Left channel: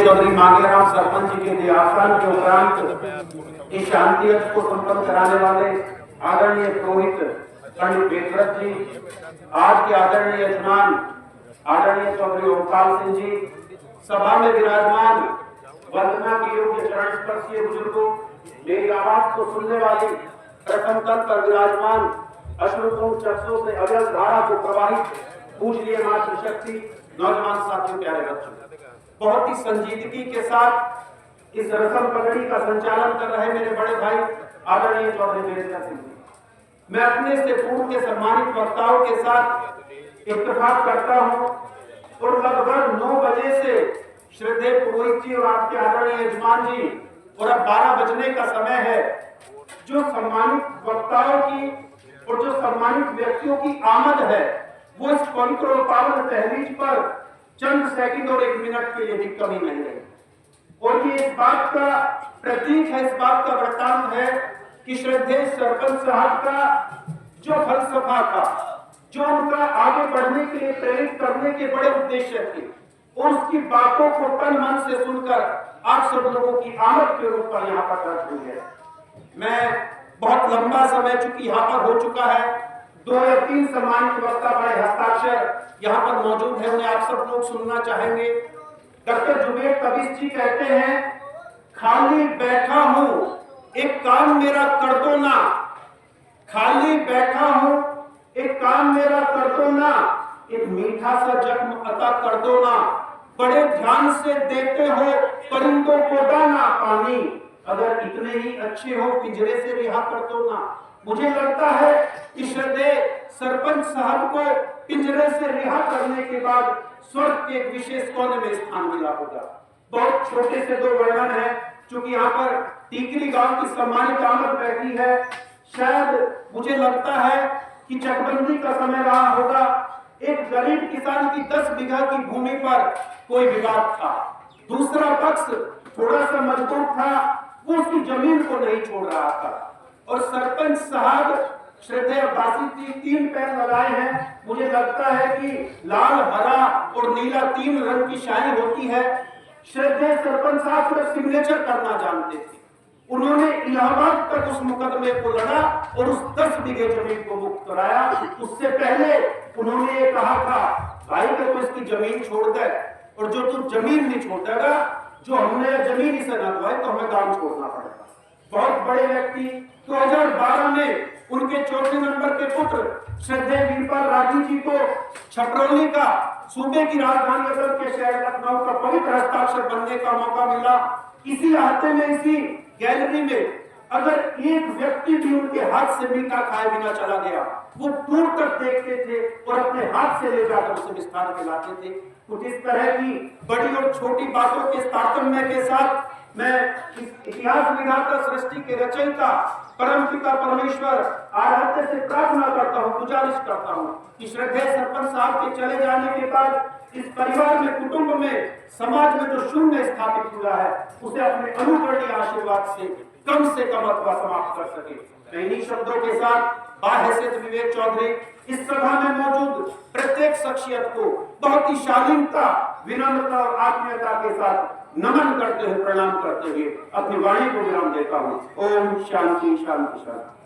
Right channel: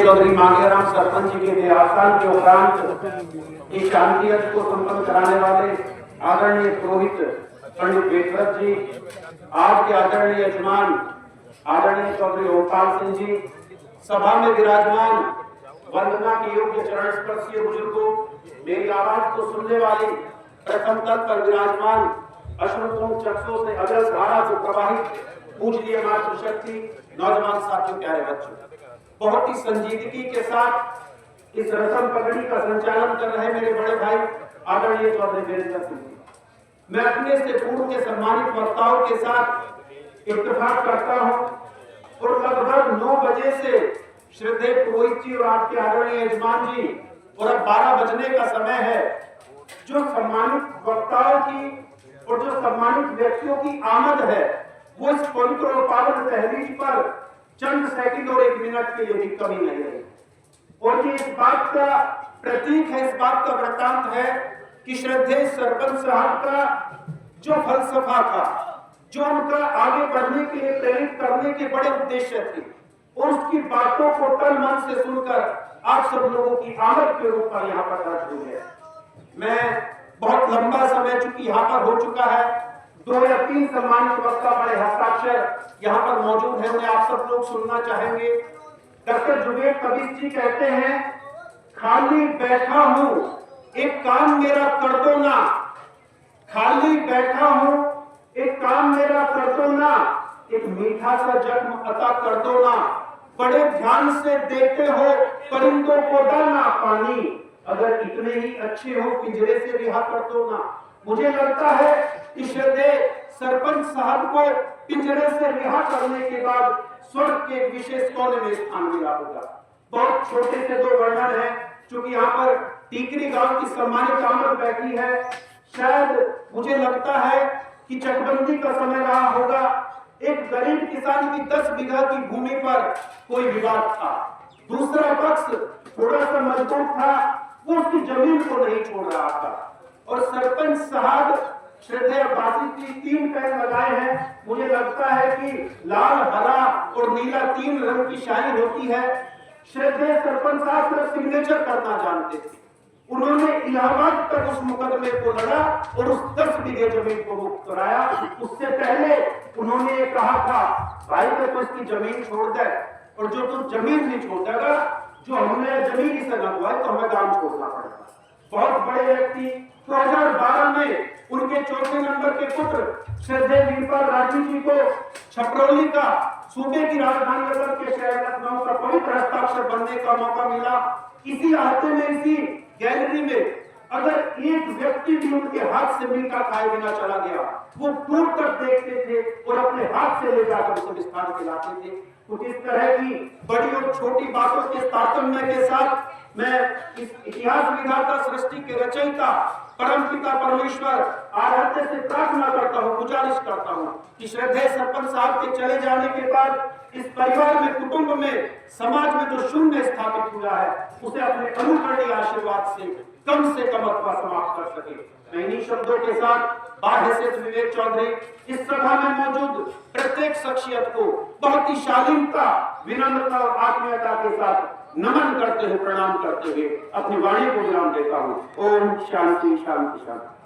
चौधरी मांगेराम सरपंच जी के देहावसान के उपरांत इस शांति यज्ञ को संपन्न कराने वाले आदरणीय पुरोहित पंडित वेदव्रत जी, आज के आदरणीय यजमान आदरणीय चौधरी ओमपाल सिंह जी, सभा में विराजमान वंदना के योग्य चरण स्पर्शीय बुजुर्गों, मेरी आवाज को सुनने वाले प्रथम तल पर विराजमान अश्रुपूर्ण चक्षुओं से अगल धारा को प्रवाहित पूजनीय मातृशक्ति नौजवान साथियों, प्यारे बच्चों, बहुत ही संजीदगी के साथ इस रस्म पगड़ी का संचालन कर रहे मेरे बड़े भाई आदरणीय चौधरी वेदव्रत सिंह जी, मैं अपने से पूर्व के सम्मानित वक्ताओं के साथ इत्तेफाक करता हूं और लगभग 9 बजे से श्रद्धेय पुरोहित जी और आपके आदरणीय यजमान जी और अब 12 बजने का समय है, जो सम्मानित वक्ताओं की और जो सम्मानित व्यक्तियों की आमद है वो इस पवित्र और पावन तहरीज पर चंद सेकंड और 1 मिनट के लिए भी कमी नहीं रही। और ये इस बात का प्रतीक है, इस बात का वृत्तांत है कि श्रद्धेय सरपंच साहब का जो फलसफा था, जो उनका आगे बढ़ने के लिए प्रेरित करने के बड़े उद्देश्य थे, उसकी बातों को तन मन से सुनकर आप सब लोगों की आमद के रूप पर यहाँ पर दर्ज हुई है। मैं बहुत लंबा समय चूंकि यहाँ पर हो चुका है, 2 या 3 सम्मानित वक्ता बड़े हस्ताक्षर यहाँ पर मौजूद है, उन्हें आप सब लोग सुनना चाहेंगे। डॉक्टर जुबेर कबीर जी कहते हैं, खाली बैठा हूं एक काम मेरा कर दो ना, खाली बैठा हूं एक काम मेरा कर दो ना, एक मीठा सा जख्म अता कर दो ना, बड़े ध्यान से देते हो परिंदों को दाना पानी, अगर इतने ही अच्छे हो पिंजरे से रिहा कर दो ना। मुझे लगता है कि श्रद्धेय सरपंच साहब को पिंजरे से रिहा करने के बाद स्वर्ग के एक विशेष कोने में स्थान मिला होगा। बहुत छोटे से 2 वर्णन है, क्योंकि यहाँ पर टीकरी गांव की सम्मानित आमद बैठी है। शायद मुझे लगता है कि चकबंदी का समय रहा होगा, एक गरीब किसान की 10 बीघा की भूमि पर कोई विवाद था, दूसरा पक्ष थोड़ा सा मजबूर था, वो उसकी जमीन को नहीं छोड़ रहा था, और सरपंच साहब श्रद्धेय बासी की 3 पैन लगाए हैं। मुझे लगता है कि लाल, हरा और नीला 3 रंग की शाही होती है। श्रद्धेय सरपंच साहब सिर्फ सिग्नेचर करना जानते थे, उन्होंने इलाहाबाद तक उस मुकदमे को लड़ा और उस 10 बीघे जमीन को मुक्त कराया। उससे पहले उन्होंने ये कहा था, भाई का तो इसकी जमीन छोड़ दे, और जो तू जमीन नहीं छोड़ देगा, जो हमने जमीन इसे न दुआई तो हमें गांव छोड़ना पड़ेगा। बहुत बड़े व्यक्ति 2012 में उनके 4 नंबर के पुत्र श्रद्धेय वीरपाल राजू जी को छपरौली का सूबे की राजधानी असम के शहर लखनऊ का पवित्र हस्ताक्षर बनने का मौका मिला। इसी हफ्ते में इसी गैलरी में अगर एक व्यक्ति भी उनके हाथ से मीठा खाए बिना चला गया, वो दूर तक देखते थे और अपने हाथ से ले जाकर उसे विस्तार खिलाते थे। तो इस तरह की बड़ी और छोटी बातों के तारतम्य के साथ मैं इस इतिहास विधाता सृष्टि के रचयिता परमपिता परमेश्वर आराध्य से प्रार्थना करता हूँ, गुजारिश करता हूँ कि श्रद्धेय सरपंच साहब के चले जाने के बाद इस परिवार में, कुटुंब में, समाज में जो शून्य स्थापित हुआ है, उसे अपने अनुकरणीय आशीर्वाद से कम अथवा समाप्त कर सके। मैं इन्हीं शब्दों के साथ बाहैसियत विवेक चौधरी इस सभा में मौजूद प्रत्येक शख्सियत को बहुत ही शालीनता, विनम्रता और आत्मीयता के साथ नमन करते हुए, प्रणाम करते हुए अपनी वाणी को विराम देता हूँ। ओम शांति शांति शांति।